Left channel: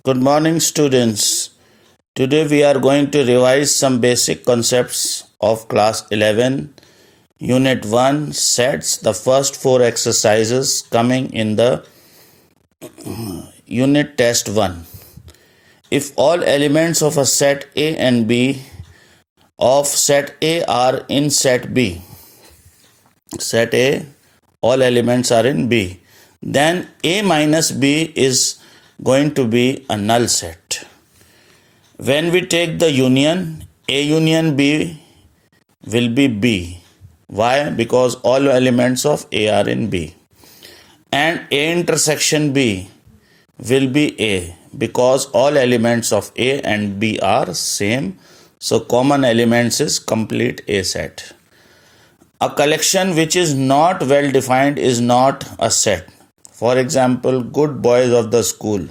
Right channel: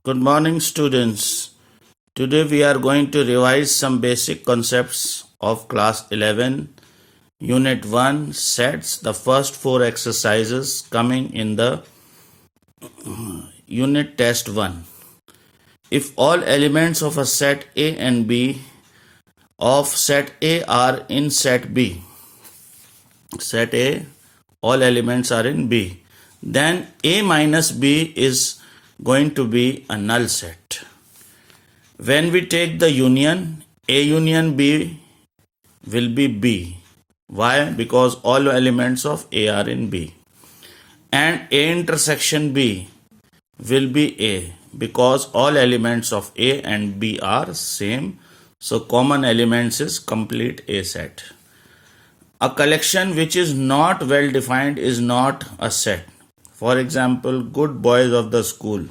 Good morning, students. Today we are going to revise some basic concepts of class 11, unit 1 sets, the first 4 exercises coming in the unit test 1. If all elements of a set A and B of set A are in set B, set A, all elements are in B, then A minus B is going to be a null set. When we take the union, A union B will be B. Why? Because all elements of A are in B. And A intersection B will be A because all elements of A and B are same. So common elements is complete A set. A collection which is not well defined is not a set. For example, good boys of the school.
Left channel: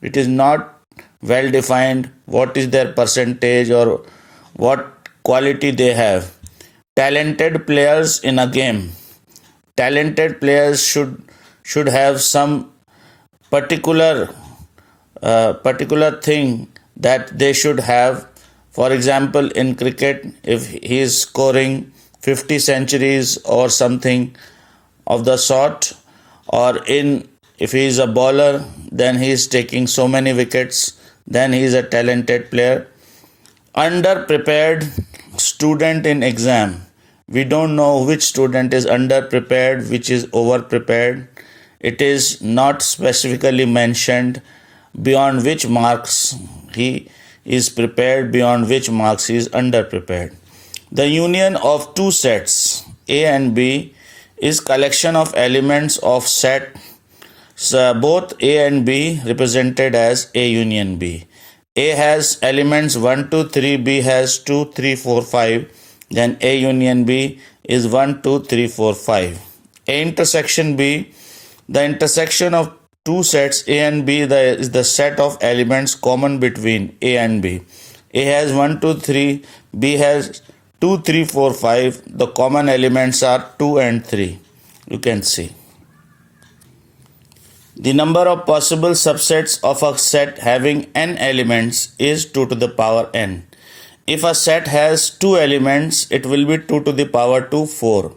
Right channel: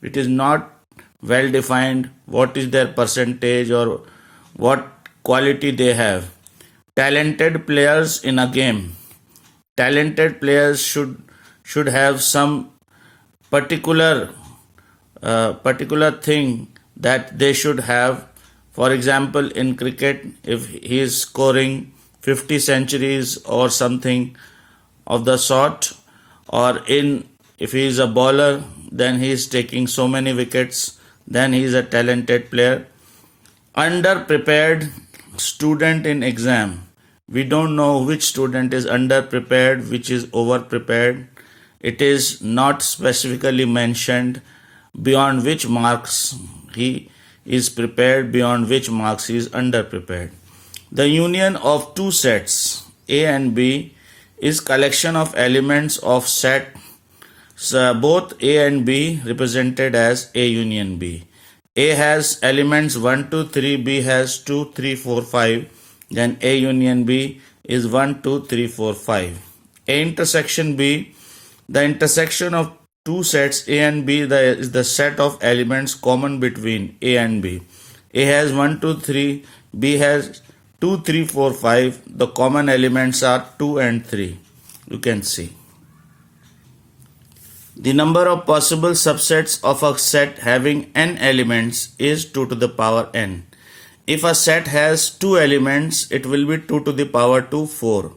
It is not well defined what is their percentage or what quality they have. Talented players in a game. Talented players should have some particular thing that they should have. For example, in cricket, if he is scoring 50 centuries or something of the sort, or if he is a bowler, then he is taking so many wickets, then he is a talented player. Underprepared student in exam. We don't know which student is underprepared, which is overprepared. It is not specifically mentioned beyond which marks he is prepared, beyond which marks he is underprepared. The union of two sets, A and B, is collection of elements of set both A and B represented as A union B. A has elements 1, 2, 3, B has 2, 3, 4, 5. Then A union B is 1, 2, 3, 4, 5. A intersection B, the intersection of two sets A and B is the set of elements common between A and B. A has 1, 2, 3, B has 2, 3, 4, 5. The common elements are 2 and 3. You can see. The number of possible subsets of a set having n elements is 2 to the power n. If a set has 2 elements, it will be 2 to the power 2, 4.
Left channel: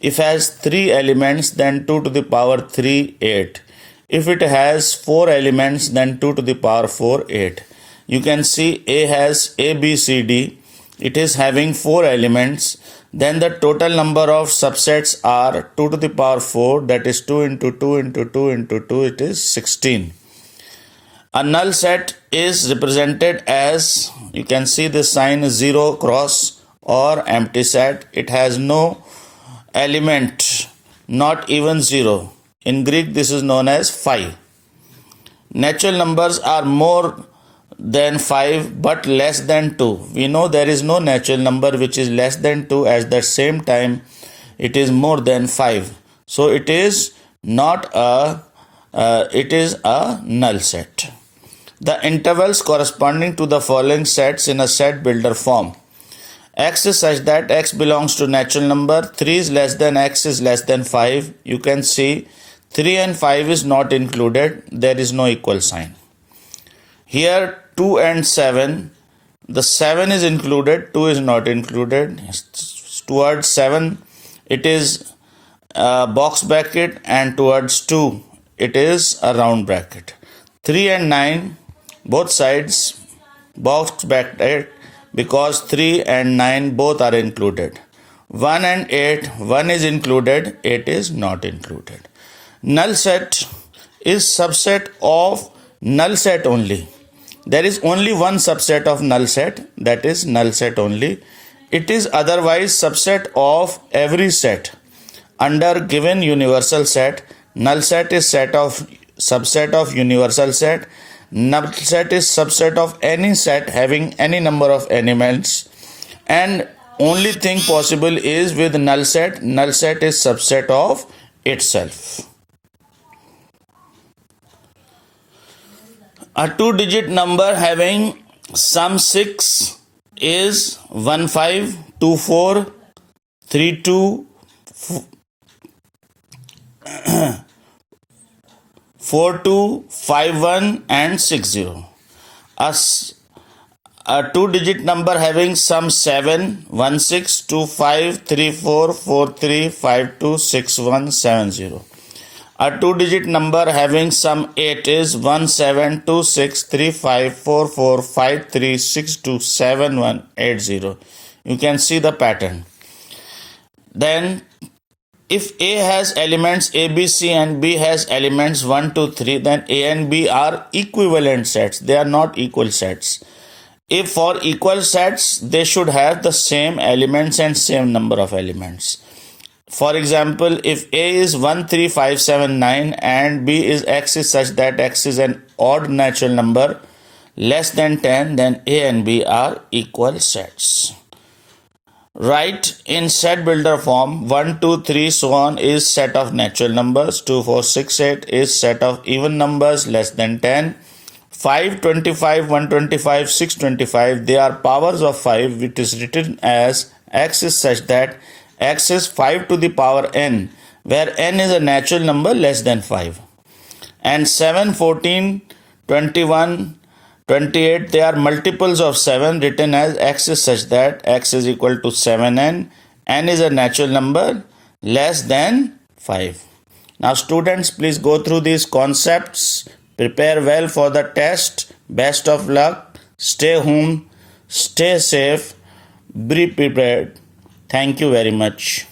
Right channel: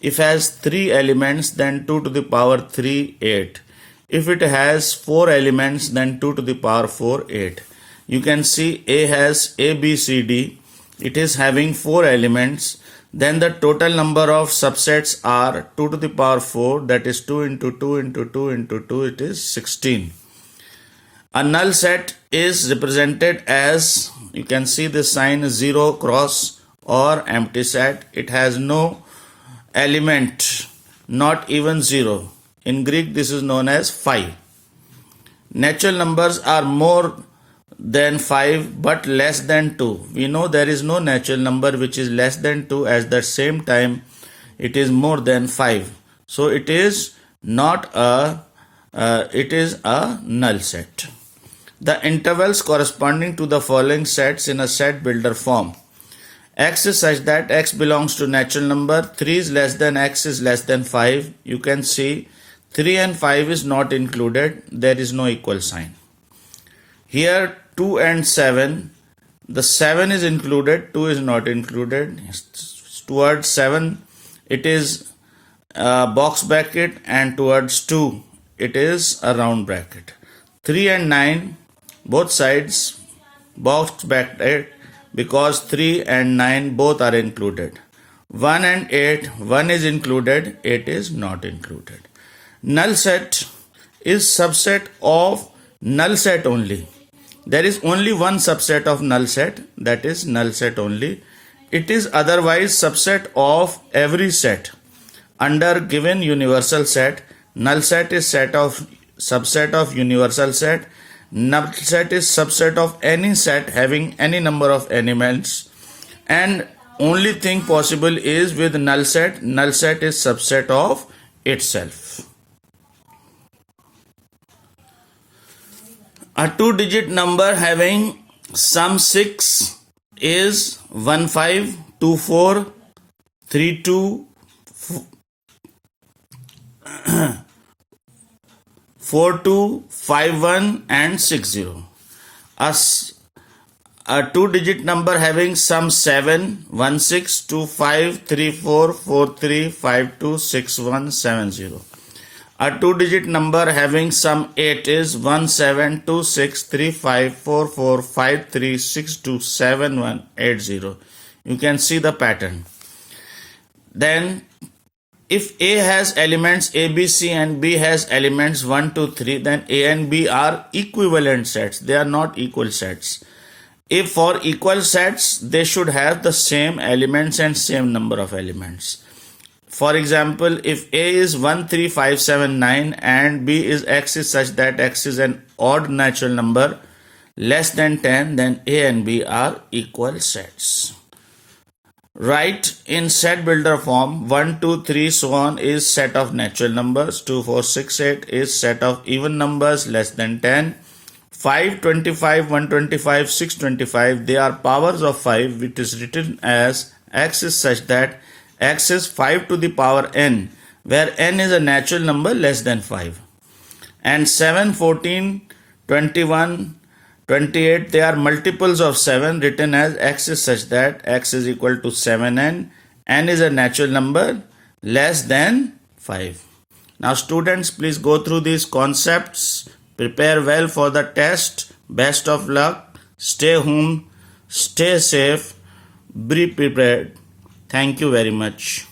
If it has 3 elements, then 2 to the power 3, 8. If it has 4 elements, then 2 to the power 4, 8. You can see A has A, B, C, D. It is having 4 elements. Then the total number of subsets are 2 to the power 4, that is 2 into 2 into 2 into 2, it is 16. A null set is represented as, you can see the sign 0 cross or empty set. It has no element, not even 0. In Greek, this is known as phi. Natural numbers are more than 5 but less than 2. We know there is no natural number which is less than 2, at the same time it is more than 5. So it is not it is a null set. The intervals corresponding to the following sets in a set builder form. X is such that x belongs to natural number, 3 is less than x is less than 5. You can see 3 and 5 is not included, there is no equal sign. Here 2 and 7, the 7 is included, 2 is not included. Towards 7 it is a box bracket and towards 2 it is a round bracket. 3 and 9, both sides box bracket because 3 and 9 both are included. 1 and 8, 1 is included, 8 is not included. Null set is subset of null set only. There is only one subset of null set, that is null set only. It is otherwise subset of every set. Under given universal set, null set is subset of universal set. Null set is subset of any set having any number of elements. And only thing possible is with null set is subset of itself. A 2-digit number having sum 6 is 152432 4251 and 60. A two-digit number having sum 7, 16, 25, 34, 43, 52, 61, 70. A two-digit number having sum 8 is 17, 26, 35, 44, 53, 62, 71, 80. You can see the pattern. Then if A has elements A, B, C and B has elements 1, 2, 3, then A and B are equivalent sets. They are not equal sets. If for equal sets, they should have the same elements and same number of elements. For example, if A is 1, 3, 5, 7, 9 and B is X is such that X is an odd natural number less than 10, then A and B are equal sets. Write in set builder form 1, 2, 3, so on is set of natural numbers, 2, 4, 6, 8 is set of even numbers less than 10, 5, 25, 125, 625 they are powers of 5, which is written as X is such that X is 5 to the power n, where n is a natural number less than 5. And 7, 14, 21, 28 they are multiples of 7 written as X is such that X is equal to 7n, n is a natural number less than 5. Now students, please go through these concepts, prepare well for the test, best of luck, stay home, stay safe, be prepared. Thank you very much.